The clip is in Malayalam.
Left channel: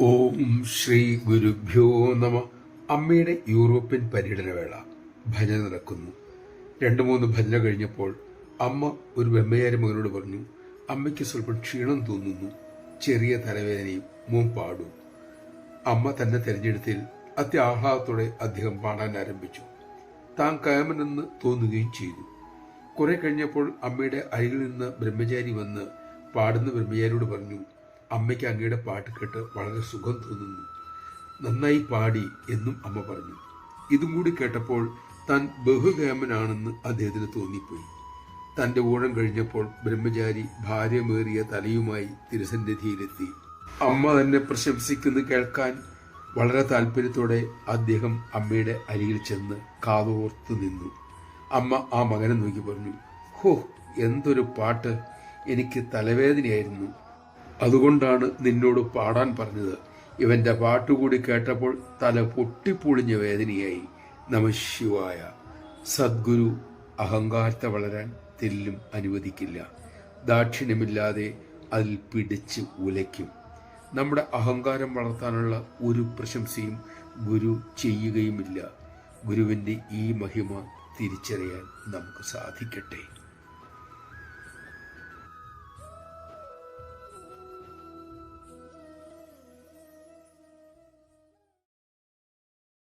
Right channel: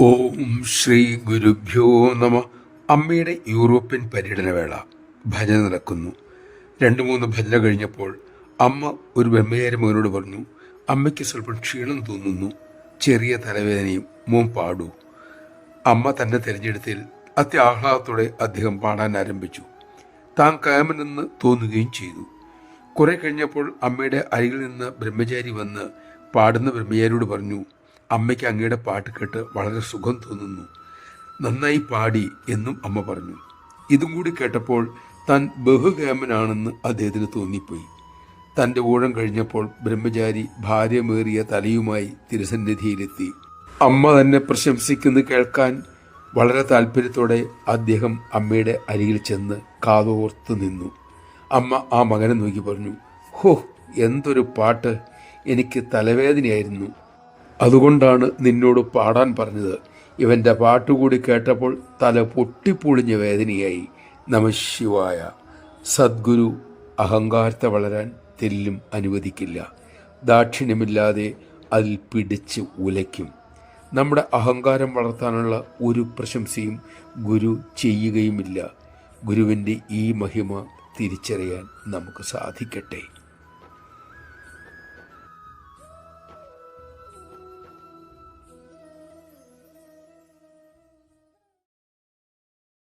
ഓം ശ്രീ ഗുരുഭ്യോ നമ. അമ്മയുടെ യൂറോപ്യൻ പര്യടനവേള ഭജന നടക്കുന്നു. 2-3 ഭജന കഴിഞ്ഞപ്പോൾ അമ്മ ഒരു ബ്രഹ്മചാരി മോനോട് പറഞ്ഞു, അമ്മയ്ക്ക് സ്വല്പം ക്ഷീണം തോന്നുന്നു, ചെറിയ തലവേദനയും, മോൻ പാടൂ. അമ്മ തന്നെ തിരഞ്ഞെടുത്തിൽ അത്യാഹ്ലാദത്തോടെ അദ്ദേഹം പാടാൻ ആരംഭിച്ചു. താൻ കയമെന്ന് തോന്നുകയും ചെയ്തു. കുറെ കഴിഞ്ഞപ്പോൾ അമ്മയുടെ അരികിൽ നിന്ന് ബ്രഹ്മചാരി വന്ന് പാടുന്ന ബ്രഹ്മചാരിയോട് പറഞ്ഞു, അമ്മയ്ക്ക് അങ്ങയുടെ പാട്ട് കേട്ട് വളരെ സുഖം തോന്നുന്നു, നന്നായി പാടി എന്നും അമ്മ പറഞ്ഞു. ഇതും കൂടി കേട്ടപ്പോൾ താൻ ബഹുകേമനാണെന്ന് അദ്ദേഹത്തിന് തോന്നിപ്പോയി. തൻ്റെ ഊഴം കഴിഞ്ഞപ്പോൾ ബ്രഹ്മചാരി ഭാര്യമേറിയ തലയുമായി തിരുസന്നിധിയിലെത്തി. അമ്മ തന്നെ പ്രശംസിക്കുന്നത് കേൾക്കാൻ വളരെ താല്പര്യത്തോടെ അദ്ദേഹം അമ്മയുടെ അരികിൽ ചെന്ന് കാതോർത്ത് നിന്നു. അമ്മ ആ മകനെ നോക്കി പറഞ്ഞു, ഹോ, എന്തൊരു പാട്ട്! എനിക്ക് തലവേദനയായിരുന്നു, അതുകൊണ്ടാണ് നിന്നോട് പാടാൻ പറഞ്ഞത്. ഇവൻ്റെ പാട്ടുകൂടി കേട്ടപ്പോൾ തല പൊട്ടിപ്പൊളിഞ്ഞ വേദനയായി. നമഃശിവായ. സദ്ഗുരു അഹങ്കാരത്തെ വളരാൻ തെല്ലും അനുവദിക്കില്ല. ദാക്ഷിണ്യമില്ലാതെ അതിൽ പിടിച്ച് ഉലയ്ക്കും. നമ്മുടെ അഹങ്കാരം വളർത്താനുള്ള ഒരു പ്രശംസയും ഗുരു ചെയ്യുകയുമില്ല. ഗുരുവിൻ്റെ ഈ മഹിമ തിരിച്ചറിയാൻ നമുക്ക് സാധിക്കട്ടെ.